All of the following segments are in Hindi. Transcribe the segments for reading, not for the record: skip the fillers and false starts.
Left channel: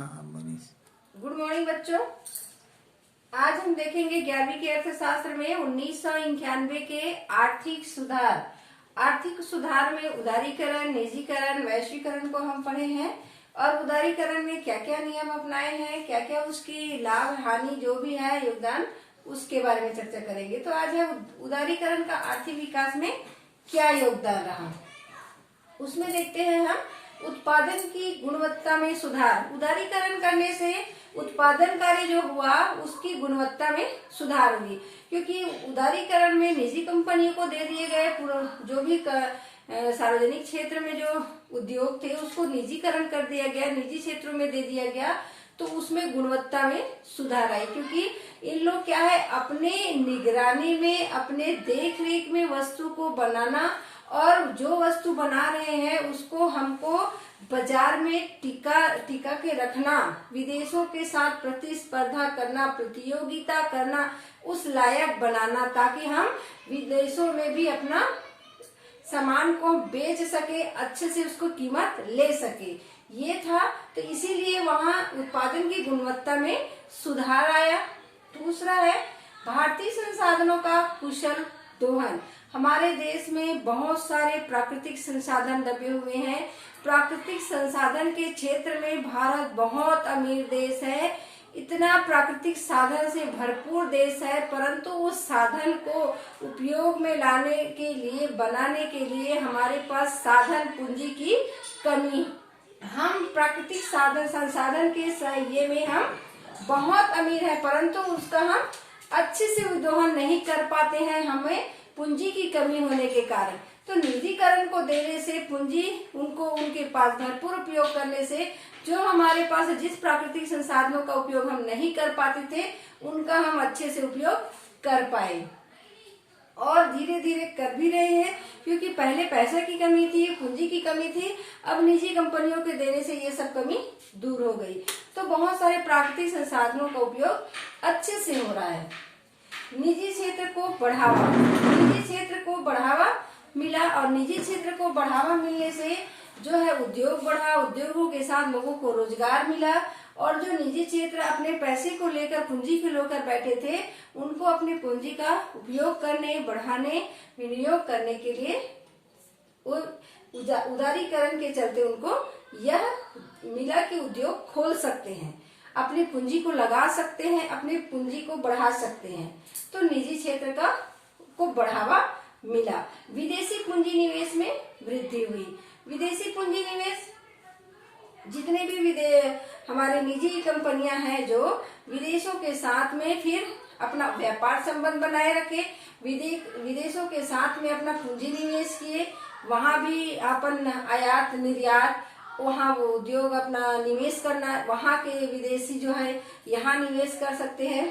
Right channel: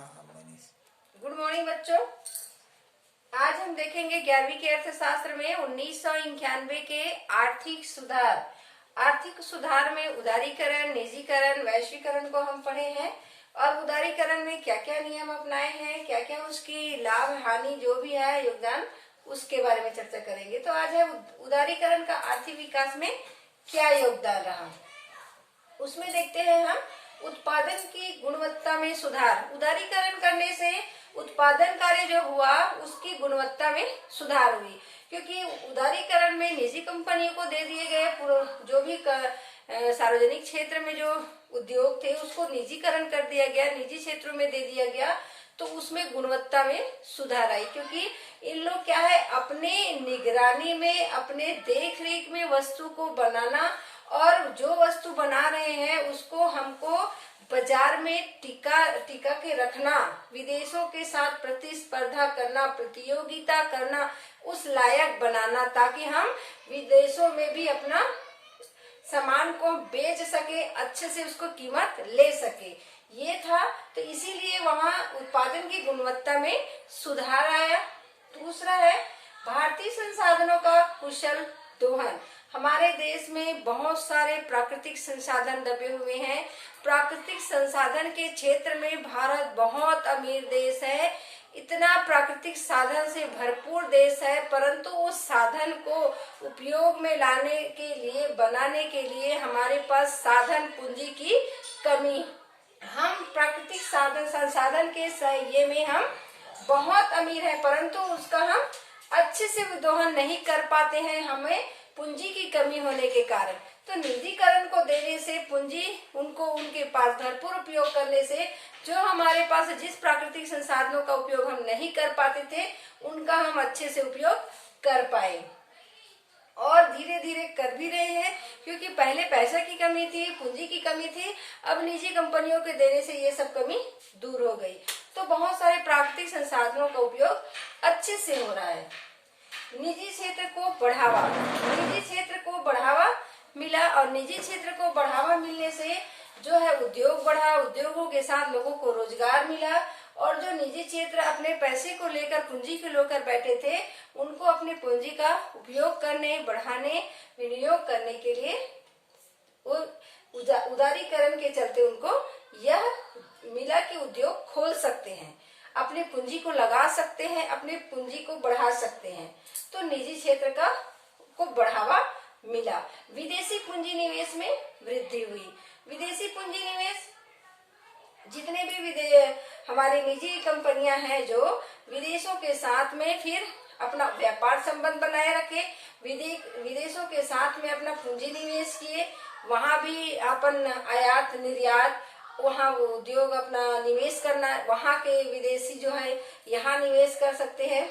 हाँ मनीष। गुड मॉर्निंग बच्चों। आज हम देखेंगे 11वीं के अर्थशास्त्र में 1991 के आर्थिक सुधार। आर्थिक सुधार में उदारीकरण, निजीकरण, वैश्वीकरण को हम पढ़े हैं और उदारीकरण में क्या क्या नियम अपनाए हैं, क्या क्या उसकी लाभ हानि जो भी है योगदान, उसके बारे में चर्चा करेंगे। तो आज है उदारीकरण का आर्थिक विकास में क्या योगदान रहा, उसमें देखते हैं हम उत्पादन की गुणवत्ता में सुधार। उदारीकरण करने से उत्पादन कार्य जो हुआ उसकी गुणवत्ता में सुधार हुई, क्योंकि उदारीकरण में निजी कंपनियों को दे दिए गए जो भी सार्वजनिक क्षेत्र में जो उद्योग थे उसको निजीकरण कर दिया गया, निजी क्षेत्रों में दे दिया गया, तो उसमें गुणवत्ता में सुधार आई। क्योंकि इन लोग क्या है, अपने निगरानी में, अपने देख रेख में वस्तु को बनाना और जो वस्तु बना रहे हैं उसको हमको बाजार में टिका के रखना, विदेशों के साथ प्रतिस्पर्धा करना, प्रतियोगिता करना, उस लायक बनाना, ताकि हम विदेशों में भी अपना सामान को बेच सके, अच्छे से उसको कीमत ले सके, ये था। तो इसीलिए वहाँ उत्पादन की गुणवत्ता में सुधार आया। दूसरा है भारतीय संसाधनों का कुशल दोहन। हमारे देश में बहुत सारे प्राकृतिक संसाधन दबे हुए हैं। प्राकृतिक संसाधन के क्षेत्र में भारत बहुत अमीर देश है, इतना प्राकृतिक साधन से भरपूर देश है, परंतु उस साधन को उपयोग में लाने के लिए, बनाने के लिए हमारे पास साधन पूंजी की कमी। हम प्राकृतिक संसाधन के ये में हम बहुत अमीर है, परंतु उसका हम अच्छे से दोहन नहीं कर पाते हैं, हमें पूंजी की कमी होने के कारण। तो निजीकरण को देने से, पूंजी उनको उनके पास भरपूर उपयोग करने से, जो हमारे पास जिस प्राकृतिक संसाधनों का उपयोग हम नहीं कर पाते थे उनका हम अच्छे से उपयोग कर पाए, और धीरे धीरे कर भी रहे हैं। क्योंकि पहले पैसे की कमी थी, पूंजी की कमी थी, अब निजी कंपनियों के देने से ये सब कमी दूर हो गई। तो बहुत सारे प्राकृतिक संसाधनों का उपयोग अच्छे से हो रहा है। निजी क्षेत्र को बढ़ावा, निजी क्षेत्र को बढ़ावा मिला, और निजी क्षेत्र को बढ़ावा मिलने से जो है उद्योग बढ़ा, उद्योगों के साथ लोगों को रोजगार मिला, और जो निजी क्षेत्र अपने पैसे को लेकर, पूंजी को लेकर बैठे थे, उनको अपने पूंजी का उपयोग करने, बढ़ाने, विनियोग करने के लिए उदारीकरण के चलते उनको यह मिला कि उद्योग खोल सकते हैं, अपनी पूंजी को लगा सकते हैं, अपनी पूंजी को बढ़ा सकते हैं। तो निजी क्षेत्र को बढ़ावा मिला। विदेशी पूंजी निवेश में वृद्धि हुई। विदेशी पूंजी निवेश, जितने भी हमारे निजी कंपनियां हैं जो विदेशों के साथ में फिर अपना व्यापार संबंध बनाए रखे, विदेशों के साथ में अपना पूंजी निवेश किए, वहां भी अपन आयात निर्यात, वहाँ वो उद्योग अपना निवेश करना, वहाँ के विदेशी जो है यहाँ निवेश कर सकते हैं।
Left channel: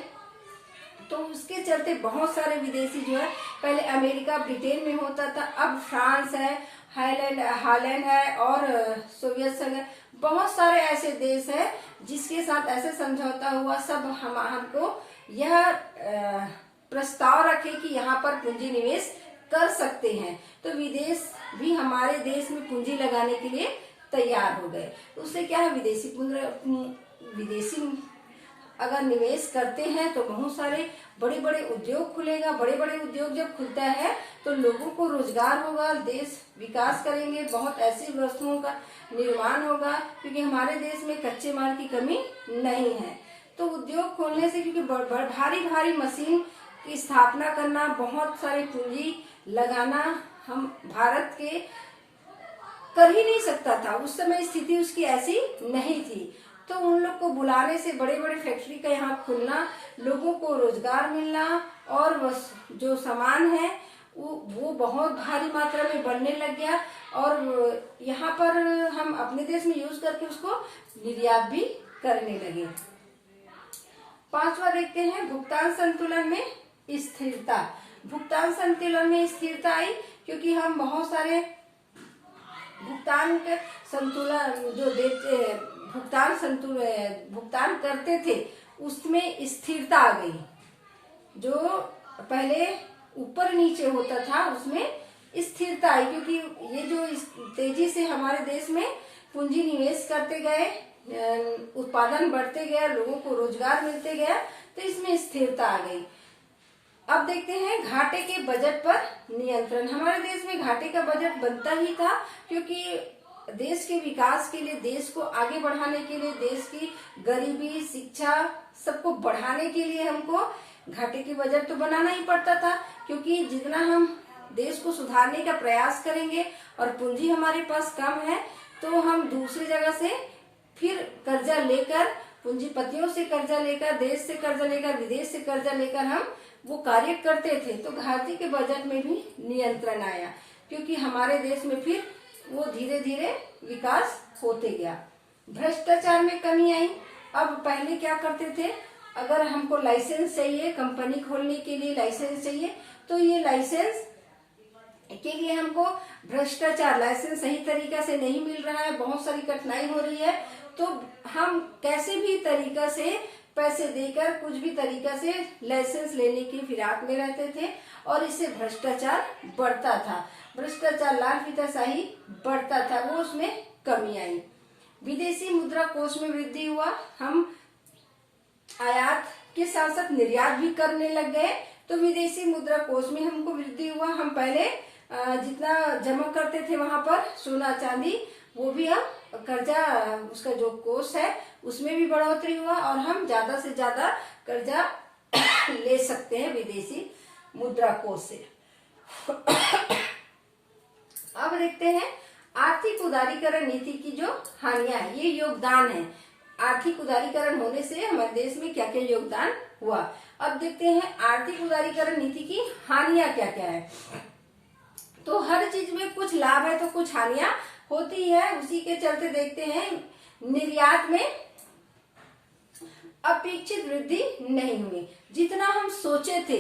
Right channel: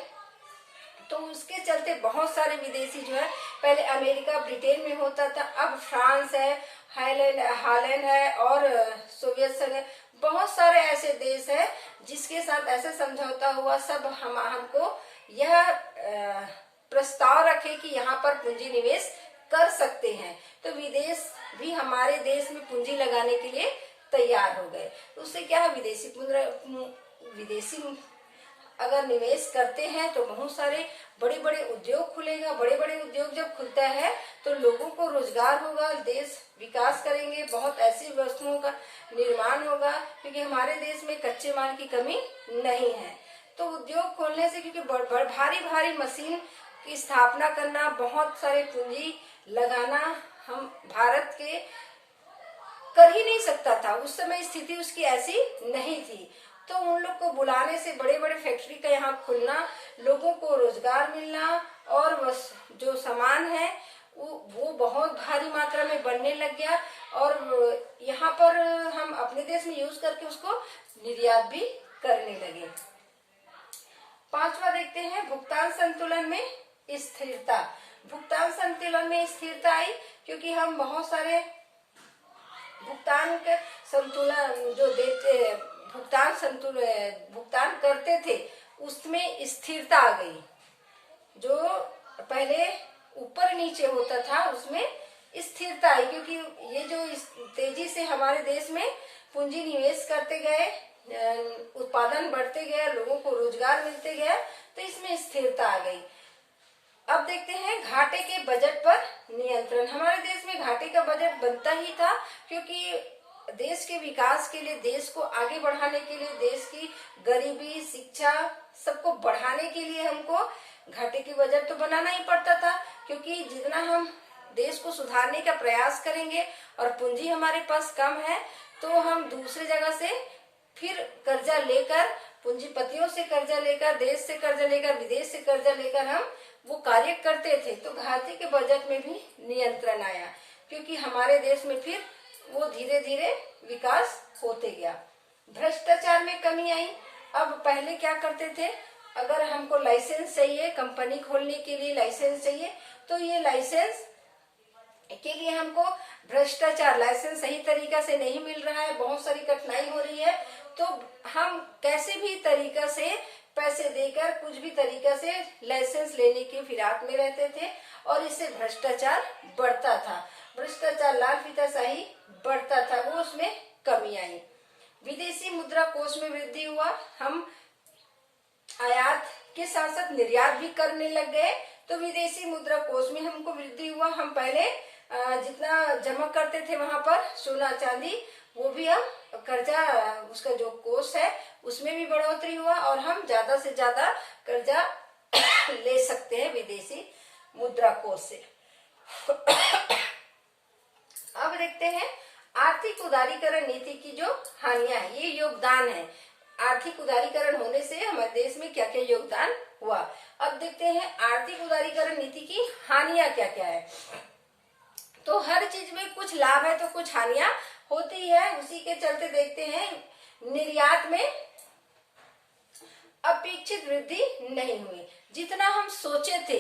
तो उसके चलते बहुत सारे विदेशी जो है, पहले अमेरिका ब्रिटेन में होता था, अब फ्रांस है, हालैंड है और सोवियत संघ है, बहुत सारे ऐसे देश है जिसके साथ ऐसे समझौता हुआ। सब हमको यह प्रस्ताव रखे कि यहाँ पर पूंजी निवेश कर सकते हैं, तो विदेश भी हमारे देश में पूंजी लगाने के लिए तैयार हो गए। तो उससे क्या है, विदेशी अगर निवेश करते हैं तो बहुत सारे बड़े बड़े उद्योग खुलेगा। बड़े बड़े उद्योग जब खुलता है तो लोगों को रोजगार होगा, देश विकास करेंगे, बहुत ऐसी वस्तुओं का निर्माण होगा, क्योंकि हमारे देश में कच्चे माल की कमी नहीं है। तो उद्योग खोलने से, क्योंकि भारी भारी मशीन की स्थापना करना, बहुत सारे पूंजी लगाना हम भारत के कर ही नहीं सकता था, उस समय स्थिति उसकी ऐसी नहीं थी। तो उन लोग को बुलाने से, बड़े बड़े फैक्ट्री का यहाँ खुलना, लोगों को रोजगार मिलना, और जो सामान है वो बहुत भारी मात्रा में बनने लग गया, और यहाँ पर हम अपने देश में यूज करके उसको निर्यात भी करने लगे। पांचवा देखते हैं भुगतान संतुलन में स्थिरता। भुगतान संतुलन में स्थिरता आई क्योंकि हम बहुत सारे भुगतान के संतुलन जो देते, भुगतान करते थे उसमें स्थिरता आ गई। जो पहले ऊपर नीचे होता था उसमें स्थिरता आई, क्योंकि ये जो तेजी से हमारे देश में पूंजी निवेश करते गए, उत्पादन बढ़ते गया, लोगों को रोजगार मिलते गया, तो इसमें स्थिरता आ गई। अब देखते हैं घाटे के बजट पर नियंत्रण। हमारे देश में घाटे का बजट बनता ही था, क्योंकि देश के विकास के लिए, देश को आगे बढ़ाने के लिए, देश की गरीबी, शिक्षा सबको बढ़ाने के लिए हमको घाटे की बजट तो बनाना ही पड़ता था। क्योंकि जितना हम देश को सुधारने का प्रयास करेंगे और पूंजी हमारे पास कम है, तो हम दूसरी जगह से फिर कर्जा लेकर, पूंजीपतियों से कर्जा लेकर, देश से कर्जा लेकर, विदेश से कर्जा लेकर हम वो कार्य करते थे। तो घाटे के बजट में भी नियंत्रण आया, क्योंकि हमारे देश में फिर वो धीरे धीरे विकास होते गया। भ्रष्टाचार में कमी आई। अब पहले क्या करते थे, अगर हमको लाइसेंस चाहिए, कंपनी खोलने के लिए लाइसेंस चाहिए, तो ये लाइसेंस के लिए हमको भ्रष्टाचार, लाइसेंस सही तरीका से नहीं मिल रहा है, बहुत सारी कठिनाई हो रही है, तो हम कैसे भी तरीका से पैसे देकर, कुछ भी तरीका से लाइसेंस लेने की फिराक में रहते थे, और इससे भ्रष्टाचार बढ़ता था। भ्रष्टाचार, लाल फीताशाही बढ़ता था, वो उसमें कमी आई। विदेशी मुद्रा कोष में वृद्धि हुआ। हम आयात के साथ साथ निर्यात भी करने लग गए, तो विदेशी मुद्रा कोष में हमको वृद्धि हुआ। हम पहले जितना जमा करते थे वहां पर सोना चांदी, वो भी अब कर्जा, उसका जो कोष है उसमें भी बढ़ोतरी हुआ, और हम ज्यादा से ज्यादा कर्जा ले सकते हैं विदेशी मुद्रा कोष से। अब देखते हैं आर्थिक उदारीकरण नीति की जो हानियां है, ये योगदान है। आर्थिक उदारीकरण होने से हमारे देश में क्या क्या योगदान हुआ। अब देखते हैं आर्थिक उदारीकरण नीति की हानियां क्या क्या है। तो हर चीज में कुछ लाभ है तो कुछ हानियां होती है। उसी के चलते देखते हैं निर्यात में अपेक्षित वृद्धि नहीं हुई। जितना हम सोचे थे,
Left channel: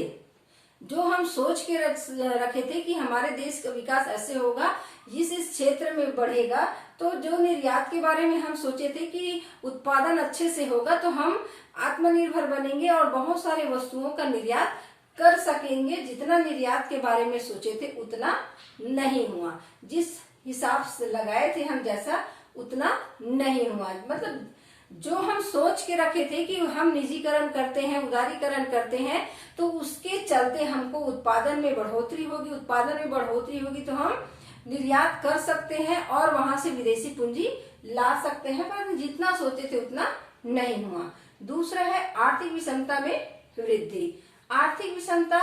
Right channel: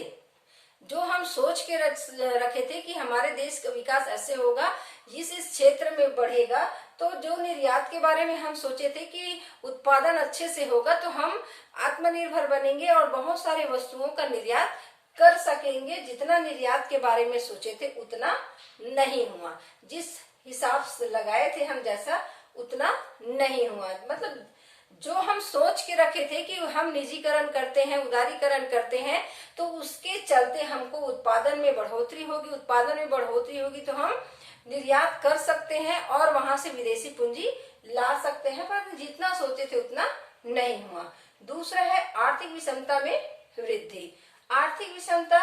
जो हम सोच के रखे थे कि हमारे देश का विकास ऐसे होगा, इस क्षेत्र में बढ़ेगा, तो जो निर्यात के बारे में हम सोचे थे कि उत्पादन अच्छे से होगा तो हम आत्मनिर्भर बनेंगे और बहुत सारे वस्तुओं का निर्यात कर सकेंगे। जितना निर्यात के बारे में सोचे थे उतना नहीं हुआ। जिस हिसाब से लगाए थे हम जैसा, उतना नहीं हुआ। मतलब जो हम सोच के रखे थे कि हम निजीकरण करते हैं, उदारीकरण करते हैं, तो उसके चलते हमको उत्पादन में बढ़ोतरी होगी। उत्पादन में बढ़ोतरी होगी तो हम निर्यात कर सकते हैं और वहां से विदेशी पूंजी ला सकते हैं, पर जितना सोचे थे उतना नहीं हुआ। दूसरा है आर्थिक विषमता में वृद्धि। आर्थिक विषमता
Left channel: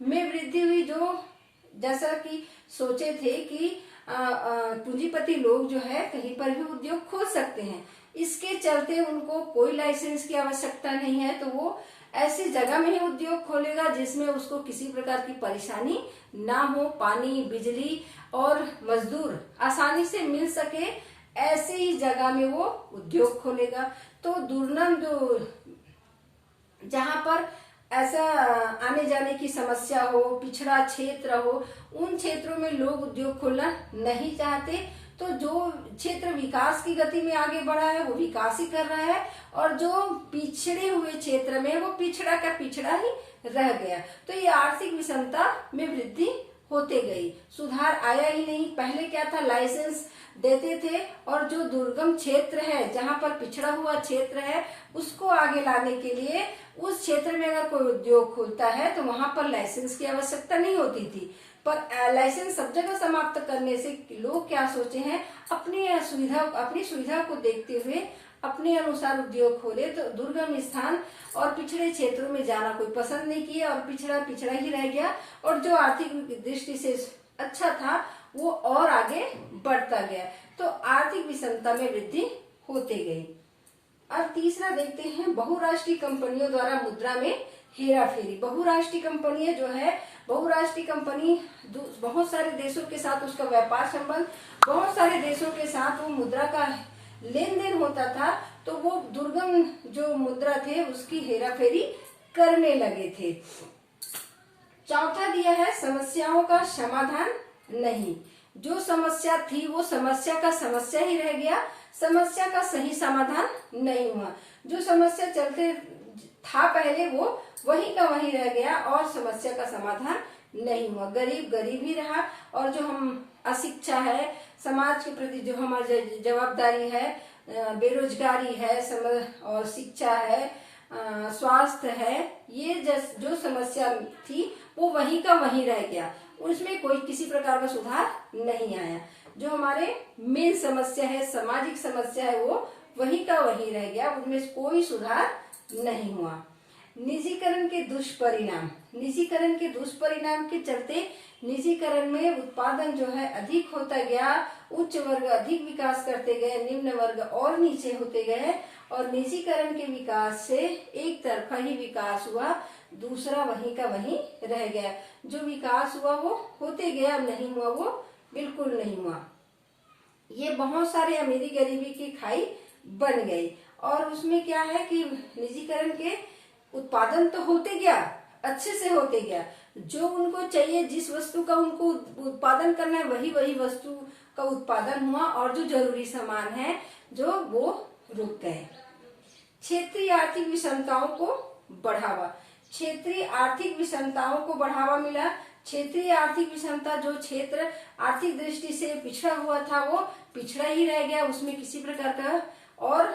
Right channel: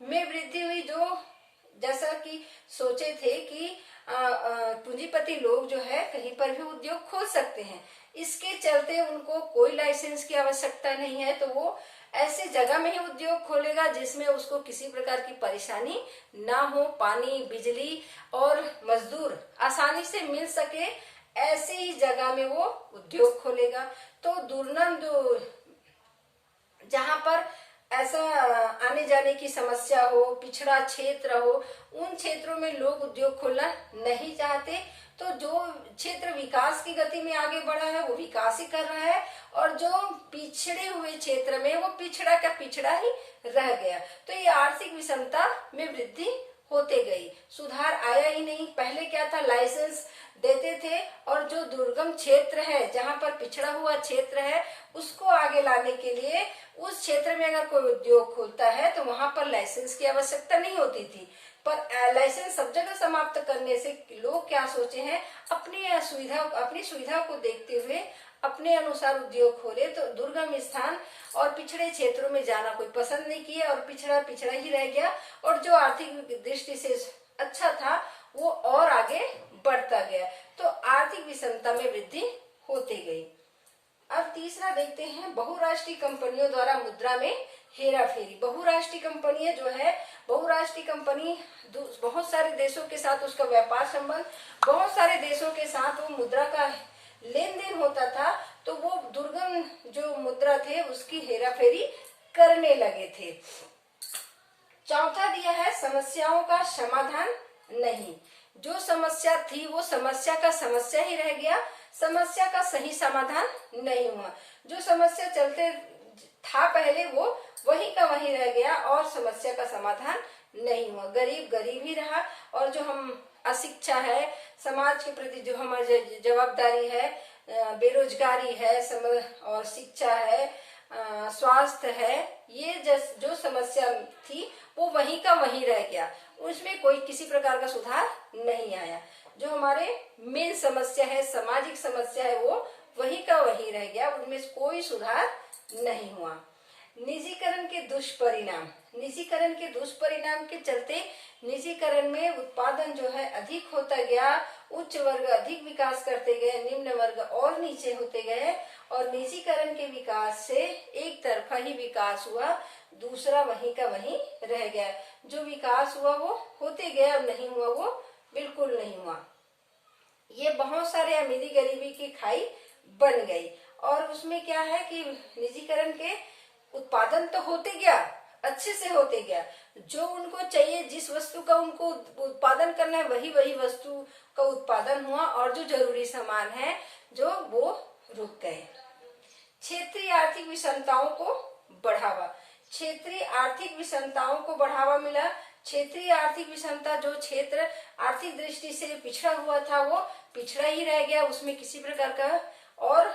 में वृद्धि हुई, जो जैसा कि सोचे थे कि पूंजीपति लोग जो है कहीं पर भी उद्योग खोल सकते हैं, इसके चलते उनको कोई लाइसेंस की आवश्यकता नहीं है, तो वो ऐसी जगह में ही उद्योग खोलेगा जिसमें उसको किसी प्रकार की परेशानी ना हो, पानी, बिजली और मजदूर आसानी से मिल सके, ऐसे ही जगह में वो उद्योग खोलेगा। तो दुर्गम जो जहां पर ऐसा आने जाने की समस्या हो, पिछड़ा क्षेत्र हो, उन क्षेत्रों में लोग उद्योग खोलना नहीं चाहते। तो जो क्षेत्र विकास की गति में आगे बढ़ा है वो विकास ही कर रहा है, और जो पिछड़े हुए क्षेत्र में वो पिछड़ा का पिछड़ा ही रह गया। तो ये आर्थिक विषमता में वृद्धि होते गई, सुधार आया ही नहीं। पहले क्या था, लाइसेंस देते थे और जो दुर्गम क्षेत्र है, जहां पर पिछड़ा हुआ क्षेत्र है, उसको आगे लाने के लिए उस क्षेत्र में अगर कोई उद्योग खोलता है तो वहां पर लाइसेंस की आवश्यकता नहीं होती थी। पर लाइसेंस सब जगह समाप्त करने से लोग क्या सोचे हैं, अपनी सुविधा को देखते हुए अपने अनुसार उद्योग खोले। तो दुर्गम स्थान और पिछड़े क्षेत्रों में जाना कोई पसंद नहीं किया, और पिछड़ा पिछड़ा ही रह गया, और जो आर्थिक दृष्टि से अच्छा था वो और आगे बढ़ता गया। तो आर्थिक विषमता में वृद्धि होती गई। अब तीसरा देखते हैं बहुराष्ट्रीय कंपनियों द्वारा मुद्रा में हेराफेरी। बहुराष्ट्रीय कंपनियां जो है, बहुराष्ट्रीय कंपनी बहुत सारे देशों के साथ उसका व्यापार संबंध, बहुत सारे देशों के साथ वो मुद्रा का लेन देन होता था, तो वो दुर्गम जो मुद्रा थे उसकी हेराफेरी करने लगे थे। चौथा दिया है समस्याओं का समाधान नहीं। जो समस्या थी वो समस्या का समस्या ही रह गया, समस्या का सही समाधान नहीं हुआ। जो समस्या चलते था पहले वो वही का वही रह गया और समस्या का समाधान नहीं हुआ। गरीब गरीब ही रहा, और जो हम अशिक्षा है, समाज के प्रति जो हमारी जवाबदारी है, बेरोजगारी है, और शिक्षा है, स्वास्थ्य है, ये जो समस्या थी वो वहीं का वहीं रह गया, उसमें कोई किसी प्रकार का सुधार नहीं आया। जो हमारे मेन समस्या है, सामाजिक समस्या है, वो वहीं का वहीं रह गया, उनमें कोई सुधार नहीं हुआ। निजीकरण के दुष्परिणाम, निजीकरण के दुष्परिणाम के चलते निजीकरण में उत्पादन जो है अधिक होता गया, उच्च वर्ग अधिक विकास करते गए, निम्न वर्ग और नीचे होते गए, और निजीकरण के विकास से एक तरफा ही विकास हुआ, दूसरा वहीं का वहीं रह गया। जो विकास हुआ वो होते गया, नहीं हुआ वो बिल्कुल नहीं हुआ। ये बहुत सारे अमीरी गरीबी की खाई बन गई, और उसमें क्या है कि निजीकरण के उत्पादन तो होते गया, अच्छे से होते गया, जो उनको चाहिए, जिस वस्तु का उनको उत्पादन करना है वही वही वस्तु का उत्पादन हुआ, और जो जरूरी सामान है जो वो रुक गए। क्षेत्रीय आर्थिक विषमताओं को बढ़ावा, क्षेत्रीय आर्थिक विषमताओं को बढ़ावा मिला। क्षेत्रीय आर्थिक विषमता, जो क्षेत्र आर्थिक दृष्टि से पिछड़ा हुआ था वो पिछड़ा ही रह गया, उसमें किसी प्रकार का और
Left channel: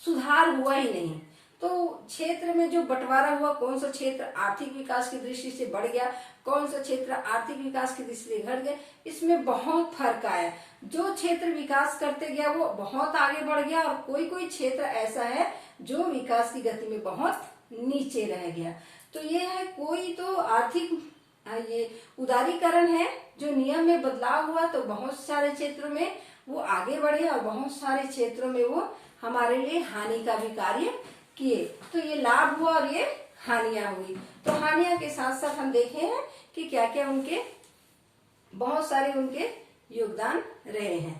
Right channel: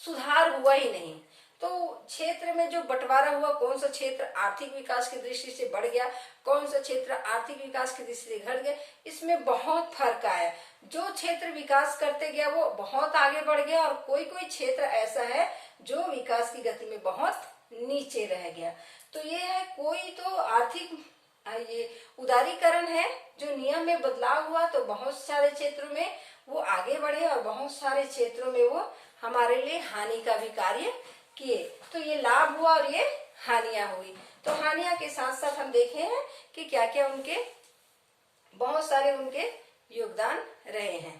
सुधार हुआ ही नहीं। तो क्षेत्र में जो बंटवारा हुआ, कौन सा क्षेत्र आर्थिक विकास की दृष्टि से बढ़ गया, कौन सा क्षेत्र आर्थिक विकास की दृष्टि से घट गया, इसमें बहुत फर्क आया। जो क्षेत्र विकास करते गया वो बहुत आगे बढ़ गया, और कोई कोई क्षेत्र ऐसा है जो विकास की गति में बहुत नीचे रह गया। तो ये है, कोई तो आर्थिक ये उदारीकरण है, जो नियम में बदलाव हुआ, तो बहुत सारे क्षेत्रों में वो आगे बढ़े, और बहुत सारे क्षेत्रों में वो हमारे लिए हानि का भी कार्य किए। तो ये लाभ हुआ और ये हानियां हुई। तो हानियां के साथ साथ हम देखे हैं कि क्या क्या उनके बहुत सारे उनके योगदान रहे हैं।